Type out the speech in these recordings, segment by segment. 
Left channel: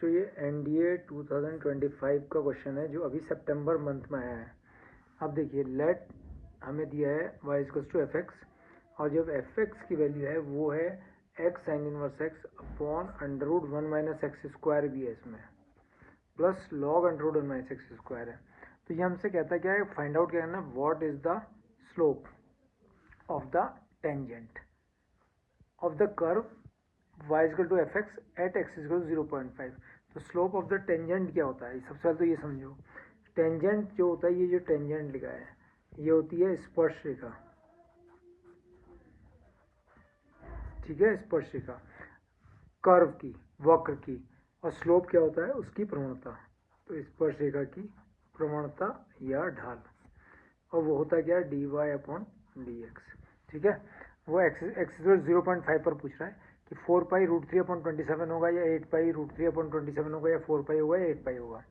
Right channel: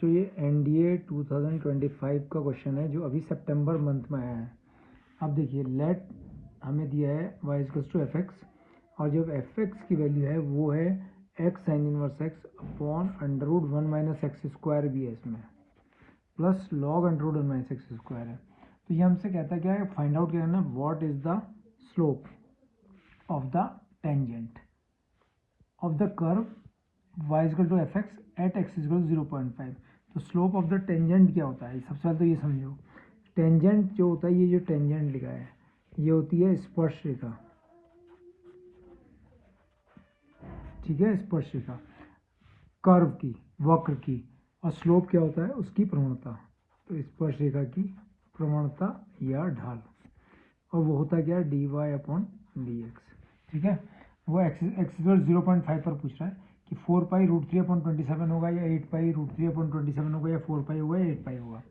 तो ये NDA 2025 का क्वेश्चन है जो अभी सितंबर मंथ में आया है। अब देखिए लेट हमें दिया है y equals to f x और जब एफ एक्स की वैल्यू है वो है x sine inverse x upon under root one minus x square भी है इसमें plus log under root one minus x square है। तो ये हमसे कहता है क्या है, फाइंड आउट क्या करना, what is the slope of the tangent of the curve y equal to f x at x equal 0.5। तो स्लोप ऑफ द टेंजेंट क्या होता है, सबसे पहले तो ये समझो। टेंजेंट जो होता है, ये जो टेंजेंट लिखा है ये होती है स्पर्श रेखा, ठीक है, स्पर्श रेखा कर्व की, वक्र की। और स्लोप क्या होता है, उसकी प्रवणता। तो स्पर्श रेखा की प्रवणता या ढाल, और वो होता क्या है, d y upon d x, ठीक है। वो एक्स 0.5 पर पूछ रहा है कि 4π√3/27 होगा या 8π√3/27 होगा या 4π होगा या 8π होगा।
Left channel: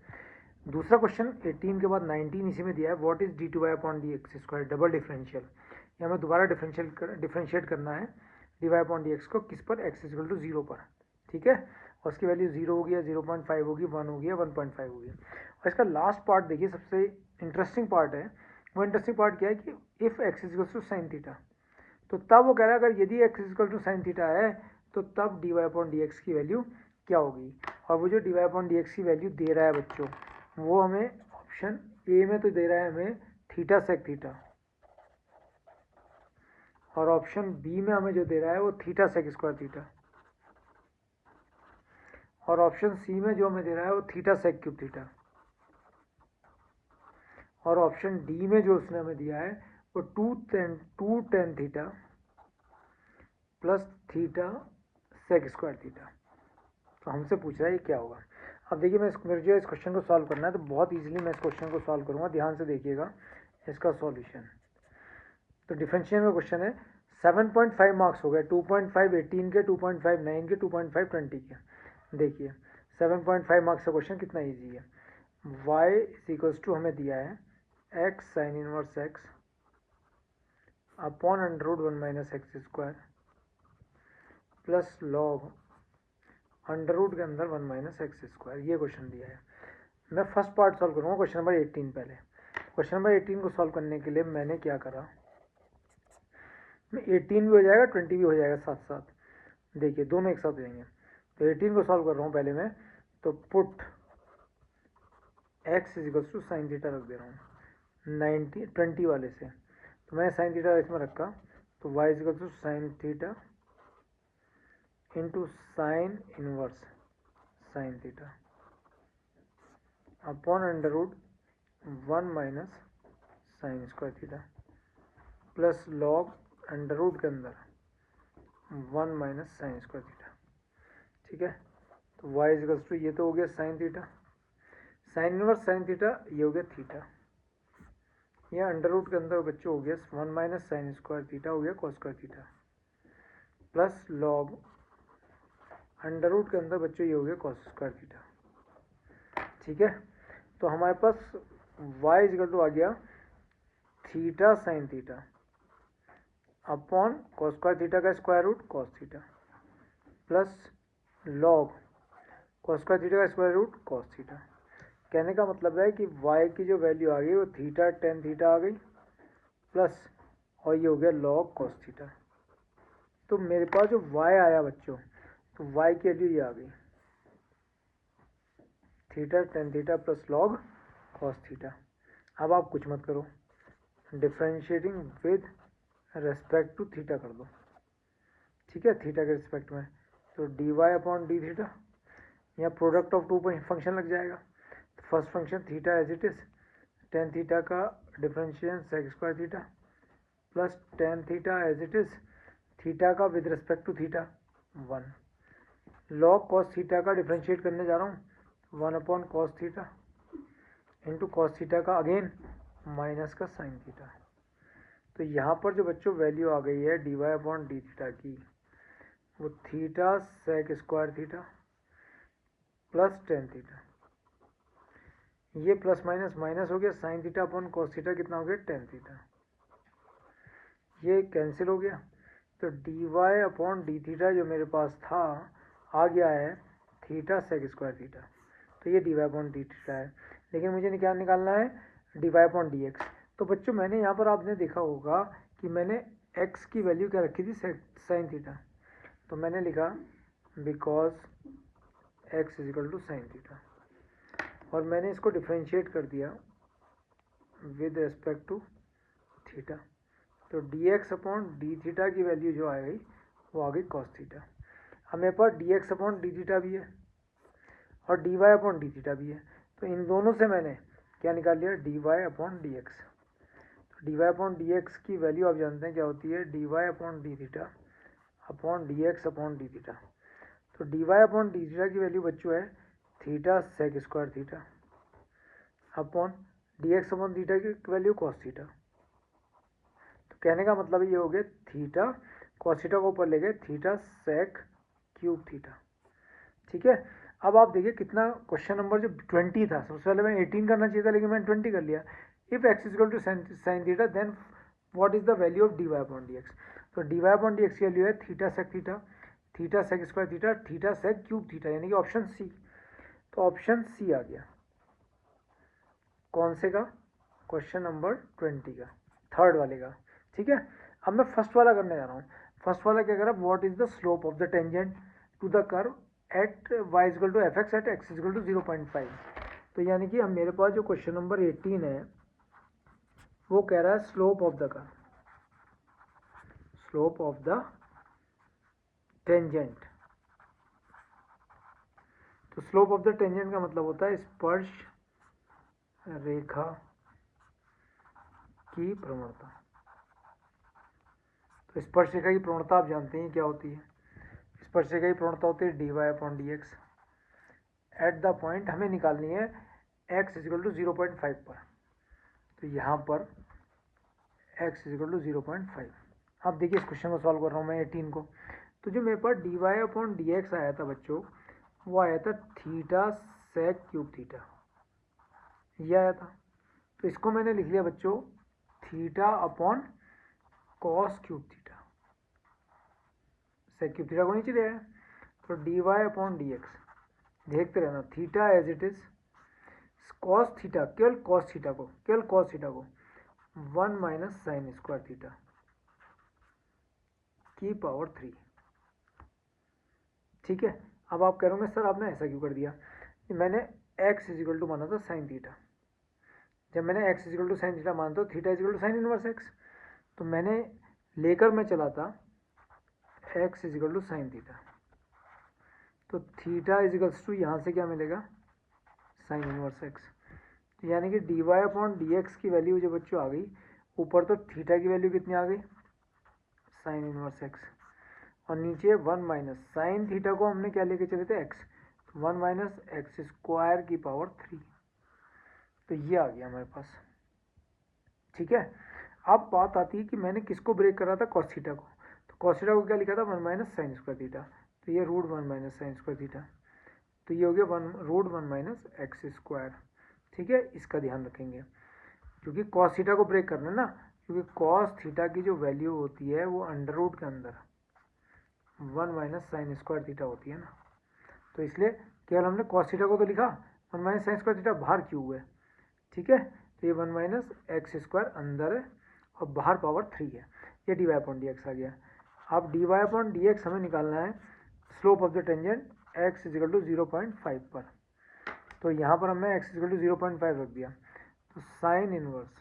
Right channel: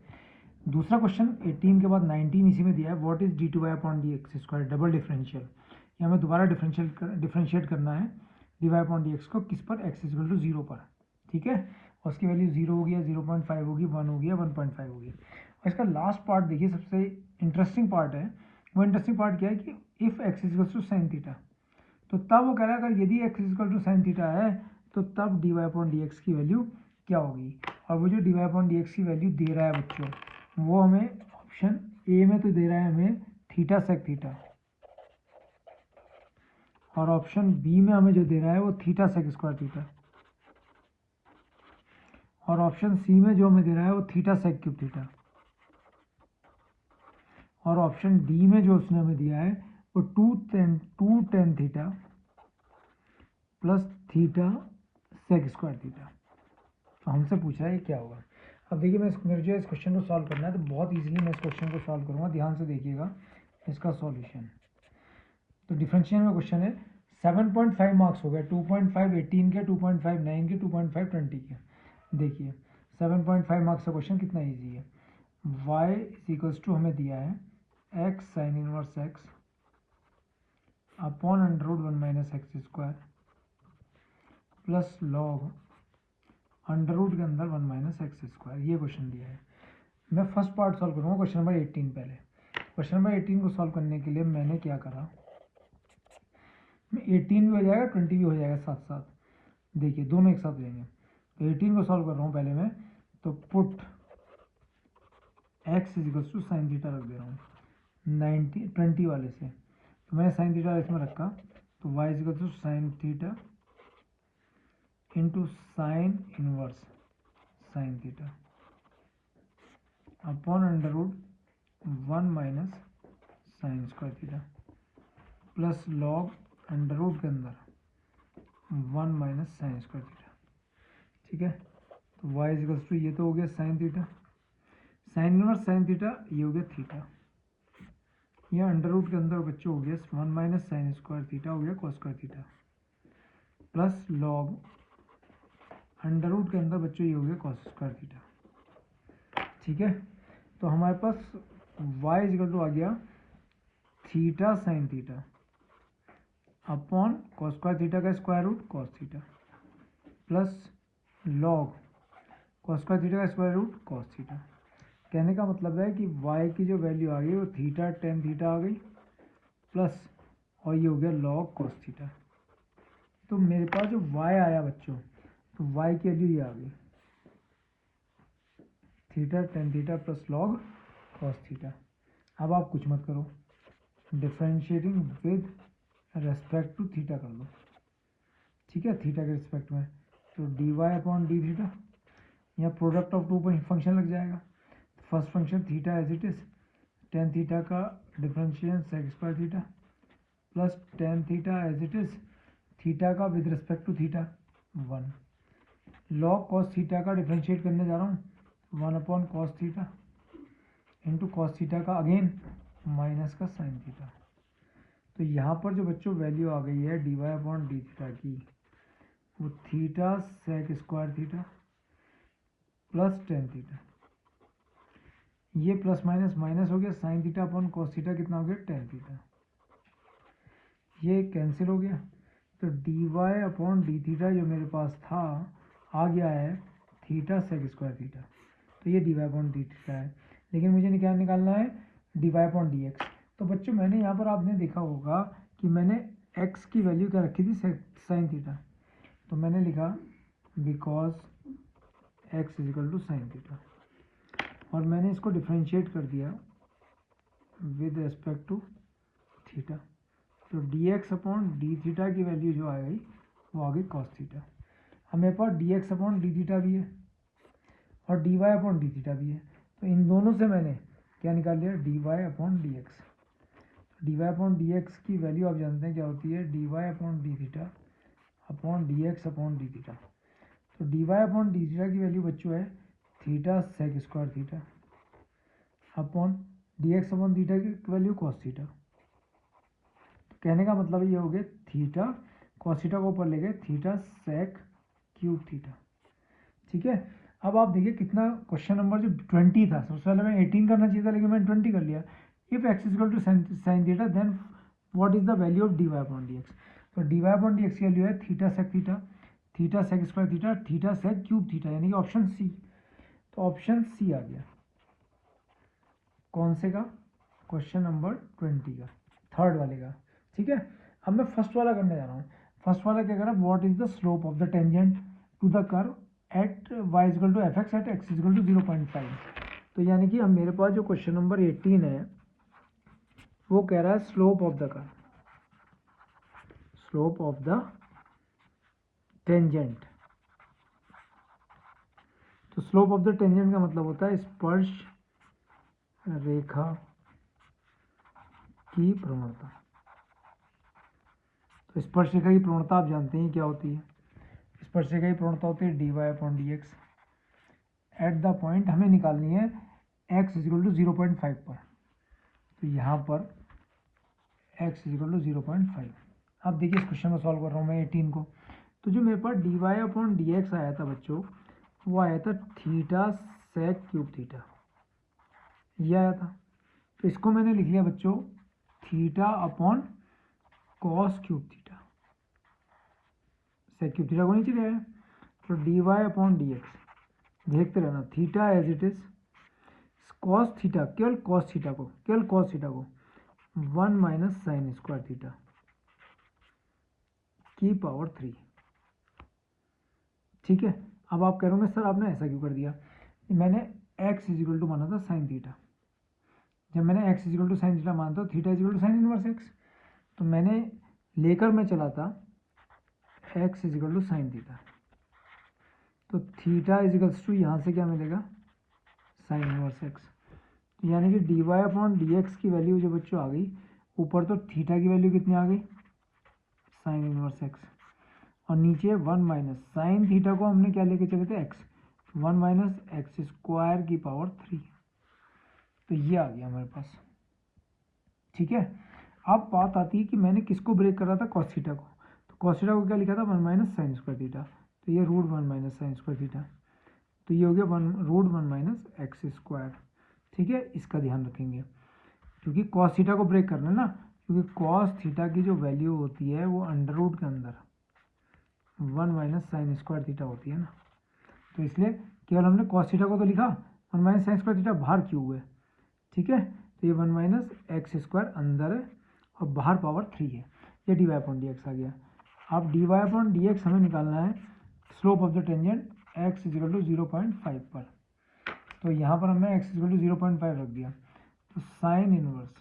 दूसरा क्वेश्चन 18 के बाद 19 इसी में दिया है, what is d two y upon d x square, double differential. ये हमें दोबारा डिफरेंशिएट करना है d y upon d x को, किस पर, एक्स इक्वल टू 0 पर, ठीक है। और उसकी वैल्यू 0 होगी या 0.5 होगी, 1 होगी या 1.5 होगी। और इसका लास्ट पार्ट देखिए, सबसे इंटरेस्टिंग पार्ट है। वो इंटरेस्टिंग पार्ट क्या है कि if x equal to sine theta, तो तब वो कह रहा है अगर यदि x equal to sine theta है तो तब d y upon d x की वैल्यू क्या होगी। और वो जो d y upon d x की वैल्यू दे रहा है बच्चों, वो हमें ऑप्शन ए में तो दे रहा है हमें थीटा सेक थीटा, और ऑप्शन बी में हमें जो दे रहा है वो थीटा सेक स्क्वायर थीटा, और ऑप्शन सी में जो हमें दे रहा है वो थीटा सेक क्यूब थीटा, और ऑप्शन डी में जो उसने हमें दिया है वो two tan theta plus theta sec square theta. तो हमसे पूछ रहा है ये क्या होगा। अब देखिए, मेरे जो इस क्वेश्चन को सॉल्व करना है तो बहुत इजीली मैं इस क्वेश्चन को सॉल्व करूंगा, ध्यान से देखिएगा इसका सॉल्यूशन। तो डिफरेंशियल का क्वेश्चन है, 7.5 मार्क्स हो गए, 2.5 18 के, 2.5 9 के, 2.5 20 के। देखिए 7.5 मार्क्स का क्वेश्चन कितना ईजी है। y इज इक्वल्स टू हमें दिया है x sine inverse x upon under root one minus x square plus log under root के अंदर वन माइनस एक्स स्क्वायर, ये क्वेश्चन दिया है। मैं फर्स्ट पार्ट सॉल्व करूँगा, क्वेश्चन नंबर 18 पहले। क्वेश्चन नंबर 18 को सॉल्व करने के लिए मैंने क्या करा, 18 भी हो जाएगा 20 भी हो जाएगा साथ साथ, देखिए दोनों एक साथ हो जाएंगे। तो 18 को सॉल्व कर रहा हूँ पहले मैं, तो put x equals to sine theta रख दे रहा हूँ 20 वाले से। तो मैंने साइन थीटा इसमें रखा, तो y equals to sine theta into sine inverse sine theta upon under root one minus sine square theta plus log under root के अंदर one minus sine square theta, ठीक है। तो y इजिकल्स टू ये तो हो गया sine theta, sign inverse sine theta, ये हो गया थीटा, ये अंडर रूट के अंदर बच्चों हो गया one minus sine square theta, हो गया cos square theta, plus log under root के अंदर बच्चों ये हो गया कॉस स्क्वायर थीटा, ठीक है। तो हमारे पास y इजिकल टू आ गया theta sine theta upon cos square theta का square root cos theta plus log cos square theta का स्क्वायर रूट कॉस थीटा। कहने का मतलब है कि y की जो वैल्यू आ गई वो थीटा टेन थीटा आ गई प्लस, और ये हो गया लॉग कॉस थीटा। तो मेरे पास जो y आया बच्चों, तो y की वैल्यू ये आ गई theta tan theta plus log cos theta. अब आप कुछ मत करो, differentiating with respect to theta कर दो, ठीक है, थीटा के रिस्पेक्ट में। तो d y upon d theta, यहाँ प्रोडक्ट ऑफ टू फंक्शन लग जाएगा। तो first function theta as it is, tan theta का differentiation sec square theta plus tan theta as it is, theta का with respect to theta 1, log cos theta का differentiate करने जा रहा हूँ 1 upon cos theta into cos theta का again minus का sine theta. तो यहाँ पर जो बच्चों वैल्यू आ गई है d y upon d theta की, वो theta sec square theta plus tan theta, ये प्लस माइनस माइनस हो गया, sine theta upon cos theta कितना हो गया टेन थीटा, ये कैंसिल हो गया। तो d y upon d theta जो मेरे पास था आ गया है थीटा सेक स्क्वायर थीटा, तो ये dy अपॉन डी थीटा है। लेकिन मुझे क्या निकालना है, dy अपॉन डी एक्स। तो बच्चों मैंने यहाँ पर आपने देखा होगा कि मैंने x की वैल्यू क्या रखी थी, साइन थीटा। तो मैंने लिखा because x is equal to sine theta, और मैंने इसको डिफ्रेंशिएट कर दिया विद रेस्पेक्ट टू थीटा। तो d x upon d theta की वैल्यू जो आ गई वो आ गई कॉस थीटा। अब मेरे पास d x upon d theta भी है और d y upon d theta भी है, तो इन दोनों से मैंने क्या निकाल लिया, d y upon d x. D y upon d x की वैल्यू आप जानते हैं क्या होती है, d y upon d theta upon d x upon d theta. तो d y upon d theta की वैल्यू बच्चों है theta sec square theta upon d x upon theta की वैल्यू कॉस थीटा। तो कहने का मतलब ये हो गया थीटा कॉस थीटा को ऊपर ले गए थीटा सेक क्यूब थीटा। ठीक है, अब आप देखिए कितना क्वेश्चन नंबर जो 20 था, सबसे पहले मैं 18 करना चाहिए था लेकिन मैंने 20 कर लिया। If x is equal to sine theta then what is the value of d y upon d x. तो d y upon d x की वैल्यू है theta sec theta, theta sec square theta, theta sec cube theta, यानी कि option C. तो option C आ गया कौन से का, क्वेश्चन नंबर 20 का, थर्ड वाले का। ठीक है, अब मैं फर्स्ट वाला करने जा रहा हूँ। फर्स्ट वाला क्या कर रहा है, what is the slope of the tangent to the curve at y equal to f x at x equal to 0.5। तो यानी कि अब मेरे पास जो क्वेश्चन नंबर 18 है वो कह रहा है slope of the curve, slope of the tangent. तो स्लोप ऑफ द टेंजेंट का मतलब होता है स्पर्श रेखा की प्रवणता। तो स्पर्श रेखा की प्रवणता आप जानते हैं क्या होती है, स्पर्श रेखा की प्रवणता होती है d y upon d x. At the point हमें निकालनी है x इज इक्वल टू 0.5 पर। तो यहाँ पर x इज इक्वल टू 0.5। अब देखिए इस क्वेश्चन को सॉल्व कर रहा हूँ मैं 18 को। तो जो मेरे पास d y upon d x आया था बच्चों, वो आया था थीटा सेक क्यूब थीटा, ये आया था। तो इसको मैंने लिख लिया बच्चों theta upon cos cube theta, sec cube theta को नीचे ले आया। तो d y upon d x, देखते रहना, theta as it is cos theta, केवल कॉस थीटा को, केवल कॉस थीटा को 1 माइनस साइन स्क्वायर थीटा की पावर 3। ठीक है, अब आप कह रहे होंगे सर आपने ऐसा क्यों कर दिया, मैंने x इज इक्वल टू माना था साइन थीटा। जब मैंने x is equal to sine theta माना था theta is equal to sine inverse x, तो मैंने लेकर मैं चला था x is equal to sine theta. तो थीटा इज इक्वल्स टू यहाँ से क्या मिलेगा, साइन इनवर्स x। तो यानी कि d y upon d x की वैल्यू जो बच्चों आ गई, ऊपर तो थीटा की वैल्यू कितनी आ गई, साइन इनवर्स एक्स, और नीचे 1 माइनस साइन थीटा को हमने क्या लेके चले थे x, 1 माइनस एक्स स्क्वायर की पावर 3। तो ये आ गया हमारे पास। ठीक है, अब बात आती है कि मैंने किसको ब्रेक करा था, कॉस थीटा को। तो कॉस थीटा को क्या लिखा था, 1 माइनस साइन स्क्वायर थीटा, तो ये root 1 minus sine square theta, तो ये हो गया रूट 1 माइनस एक्स स्क्वायर। ठीक है, इसका ध्यान रखेंगे क्योंकि कॉस थीटा को ब्रेक करना है ना, क्योंकि कॉस थीटा की जो वैल्यू होती है वो अंडर रूट के अंदर 1 माइनस साइन स्क्वायर थीटा होती है ना, तो इसलिए केवल हमने कॉस थीटा को तो लिखा, 1 माइनस साइन स्क्वायर थीटा बाहर क्यों है। ठीक है, तो ये 1 माइनस एक्स स्क्वायर अंदर है और बाहर पावर 3 है, ये d y upon d x आ गया। अब d y upon d x हमें निकालना है slope of the tangent x is equal to 0.5 पर। तो यहाँ पर हमने एक्स इज इक्वल टू 0.5 रख दिया। तो साइन इनवर्स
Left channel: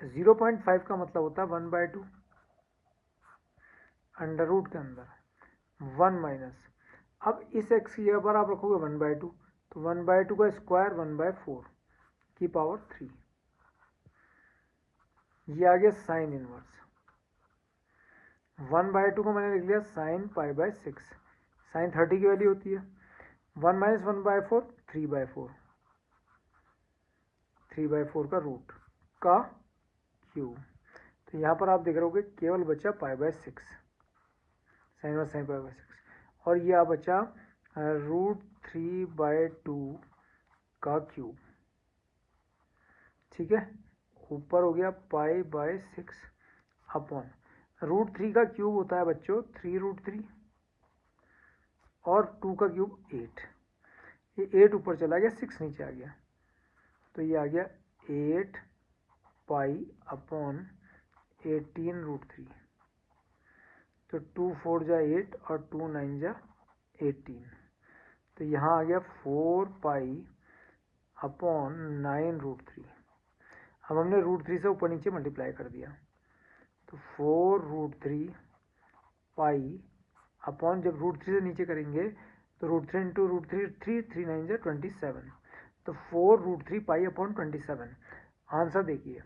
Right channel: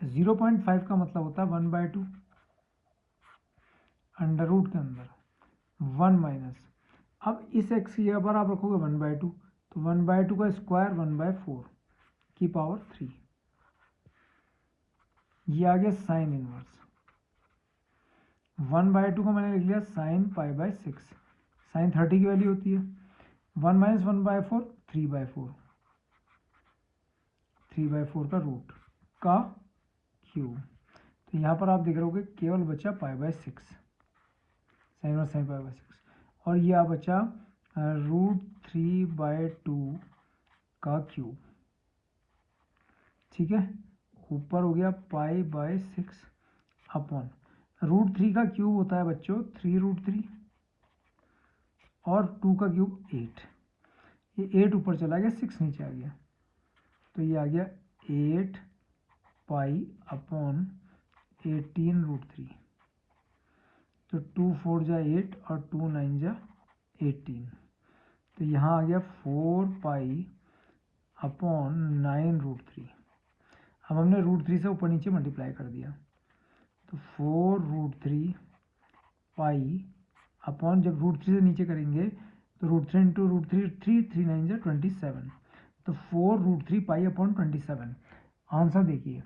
0.5 का मतलब होता है 1/2 अंडर रूट के अंदर 1 माइनस, अब इस एक्स की जगह पर आप रखोगे 1/2, तो 1/2 का स्क्वायर 1/4 की पावर 3, ये आ गया साइन इनवर्स। 1/2 को मैंने लिख लिया साइन π/6, साइन 30 की वैल्यू होती है, 1 माइनस 1/4 3/4, 3/4 का रूट का क्यूब। तो यहाँ पर आप देख रहे होगे केवल बचा π/6, साइन इनवर्स साइन π/6, और ये आ बचा रूट 3/2 का क्यूब। ठीक है, ऊपर हो गया π/6 अपॉन रूट 3 का क्यूब होता है बच्चों 3√3, और 2 का क्यूब 8, ये 8 ऊपर चला गया, 6 नीचे आ गया, तो ये आ गया 8 पाई अपॉन 18√3। तो 2 4 जा 8 और 2 9 जा 18, तो यहाँ आ गया 4 पाई अपॉन 9√3। अब हमने √3 से ऊपर नीचे मल्टीप्लाई कर दिया, तो 4√3 पाई अपॉन, जब √3 से नीचे करेंगे तो √3 इंटू √3 3 3 9 जा 27, तो 4√3 पाई अपॉन 27। आंसर देखिए,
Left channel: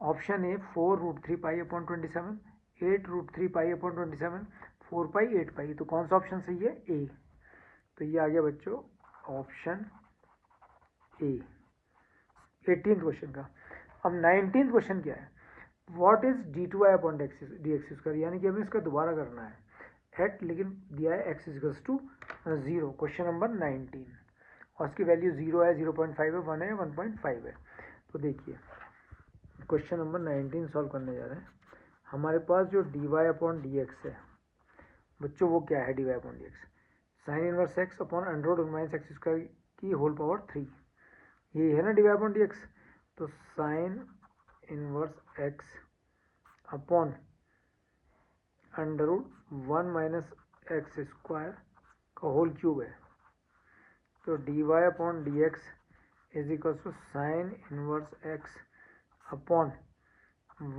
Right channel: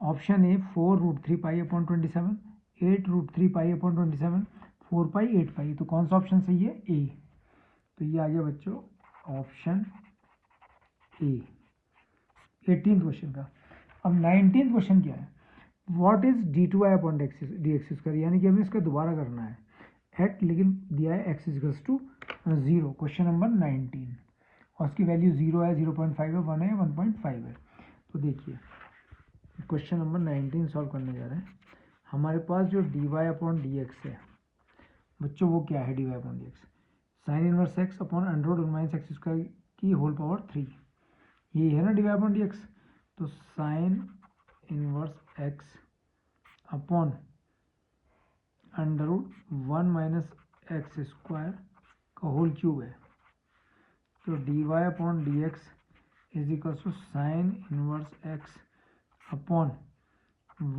option A 4√3 pi upon 27, 8√3 pi upon 27, 4 पाई 8 पाई, तो कौन सा ऑप्शन सही है? ए। तो ये आ गया बच्चों ऑप्शन ए 18th क्वेश्चन का। अब 19th क्वेश्चन क्या है? What is d2y upon dx square, यानी कि हमें इसका दोबारा करना है एट, लेकिन दिया है x equals to 0, question number 19, और इसकी वैल्यू 0 है, 0.5 है, 1 है, 1.5 है। तो देखिए क्वेश्चन नंबर 19 सॉल्व करने जा रहे हैं। हमारे पास जो dy अपॉन dx है बच्चों, वो क्या है? dy upon dx sine inverse x upon under root 1 minus x square की होल पावर 3, ये है ना dy अपॉन dx। तो sine inverse x upon under root 1 minus x square का होल क्यूब है, तो dy upon dx is equal to sine inverse x upon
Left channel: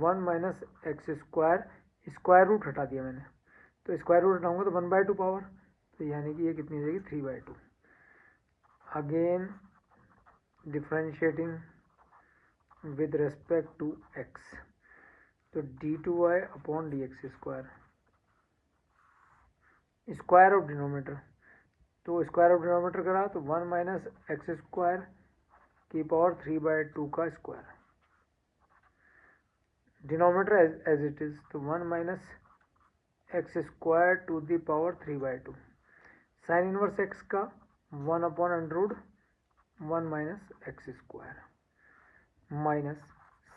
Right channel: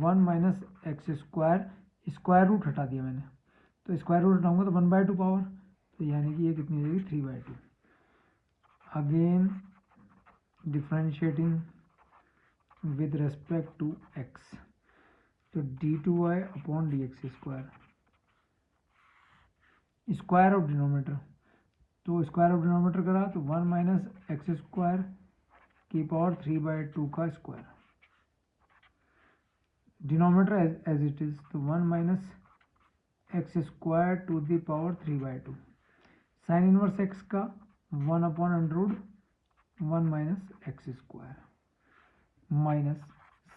1 minus x square, square root हटा दिया मैंने, तो स्क्वायर रूट हटाऊंगा तो 1/2 power, तो यानी कि ये कितनी हो जाएगी? 3/2। Again differentiating with respect to x, तो d2y upon dx square, square of denominator, तो स्क्वायर ऑफ डिनोमीटर करा तो 1 माइनस एक्स स्क्वायर की पावर 3/2 का square, denominator as it is, तो 1 minus x square to the power 3/2, sine inverse x का 1 upon under root 1 minus x square minus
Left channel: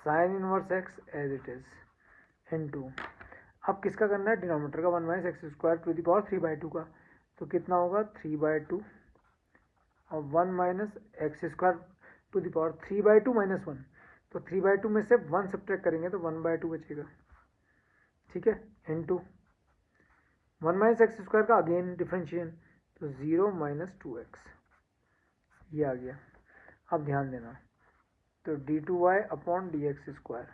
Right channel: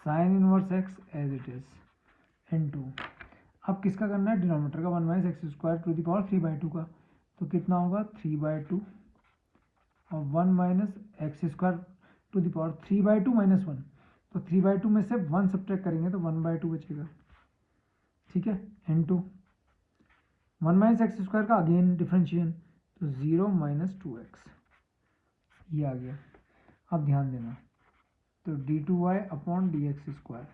sine inverse x as it is into, अब किसका करना है? Denominator का, 1 minus x square to the power 3/2 का, तो कितना होगा? 3/2 और 1 minus x square to the power 3/2 minus 1, तो 3/2 में से 1 सब्ट्रैक्ट करेंगे तो 1/2 बचेगा, ठीक है, इनटू 1 माइनस एक्स स्क्वायर का अगेन डिफ्रेंशिएशन, तो 0 माइनस 2x, ये आ गया। अब ध्यान देना, तो d2y अपॉन dx स्क्वायर,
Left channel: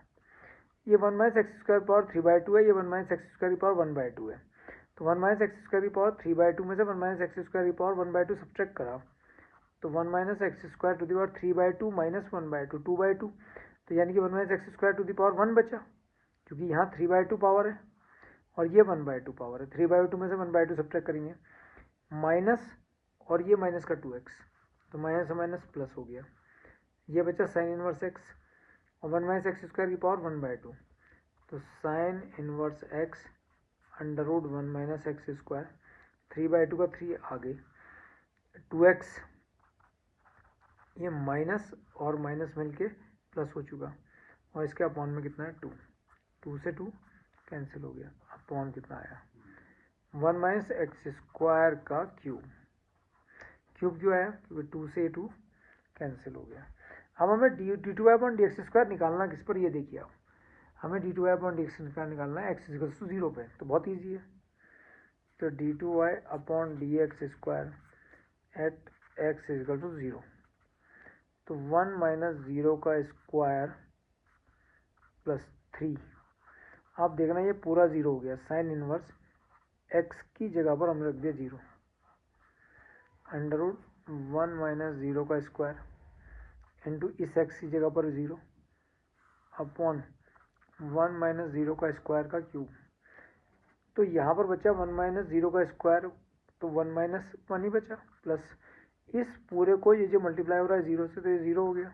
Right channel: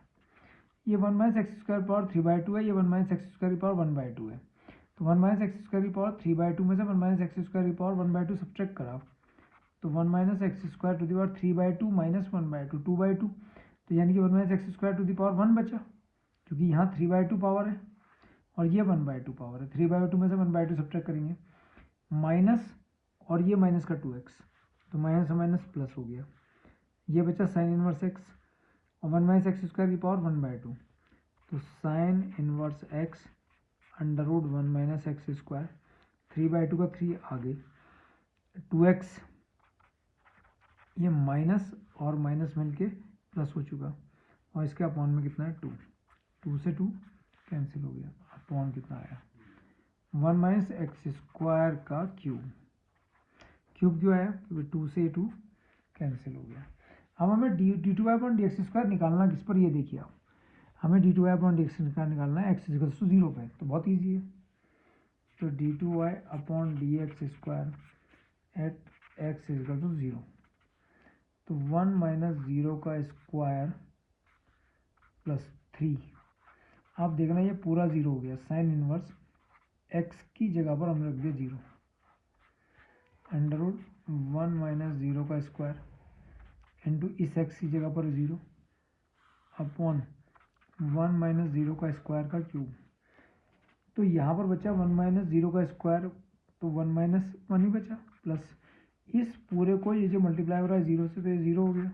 ये 1 माइनस एक्स स्क्वायर पावर 3/2 है, ये 1 माइनस एक्स स्क्वायर की पावर 1/2 है, तो 1 माइनस एक्स स्क्वायर की पावर 3/2 में से 1 माइनस एक्स स्क्वायर की पावर 1/2 सब्ट्रैक्ट करा, तो 1 minus x square to the power 3/2 minus 1/2 2/2, तो यानी कि 1 minus x square to the power 1 बचा, क्योंकि यहाँ 3/2 पावर है और ये 1/2 पावर है, 3/2 में से 1/2 सब्ट्रैक्ट करेंगे, माइनस और ये माइनस का 2x, तो माइनस माइनस प्लस हो गया, ये बचा साइन इनवर्स x और 1 माइनस एक्स स्क्वायर की पावर 1/2, तो sine inverse x under root 1 minus x square, 3/2 का 3 आगे, 2x, ये माइनस और माइनस मिलके प्लस हो चुका, और इसके अपॉन में कितना है? 2, 2 से 2 कैंसिल हो गया, अपॉन कितना आया? 1 माइनस एक्स स्क्वायर का क्यूब, क्यूब क्यों आया? क्योंकि 2 से 2 कैंसिल हो गया। अब हमें d2y अपॉन dx स्क्वायर निकालना किस पर? ये देखिए आप, हमें d2y अपॉन dx स्क्वायर निकालना है x इक्वल्स टू 0 पे, तो बहुत ईजी है, तो d2y upon dx square at x equal to 0, तो 1 माइनस 0 का स्क्वायर प्लस 3, आप देखना ये पूरा 0 हो गया, साइन इनवर्स x की जगह पर हमने रख दिया 0, अंडर रूट 1 माइनस 0 का स्क्वायर इंटू इस x की जगह पर 0 अपॉन 1 माइनस 0 का स्क्वायर का क्यूब, तो यहाँ पर बचा 1 माइनस 0 का स्क्वायर, तो 1 माइनस 1 ही बचा, प्लस इस पूरे को ये जो मल्टीप्लाई हो रहा है 0 से, तो ये 0 हो गया,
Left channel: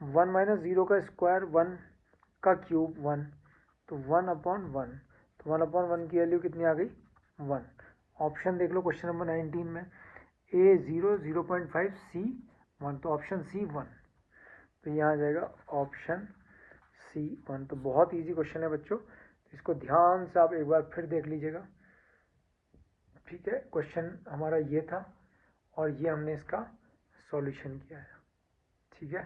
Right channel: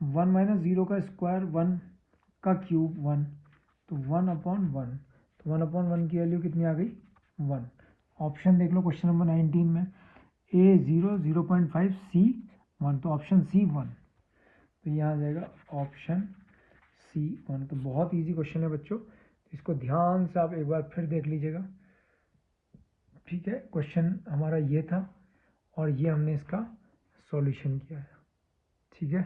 1 माइनस 0 का स्क्वायर 1 का क्यूब 1, तो 1 अपॉन 1, तो 1 अपॉन 1 की वैल्यू कितनी आ गई? 1। ऑप्शन देख लो क्वेश्चन नंबर 19 में, a 0 0.5 c 1, तो ऑप्शन सी 1, तो यहाँ आ जाएगा ऑप्शन सी 1। तो बहुत इजी क्वेश्चन है बच्चों, इसको ध्यान से आप एक बार फिर देख लीजिएगा, ठीक है, क्वेश्चन हमारा ये था और ये हमने इसका सॉल्यूशन किया है। ठीक है।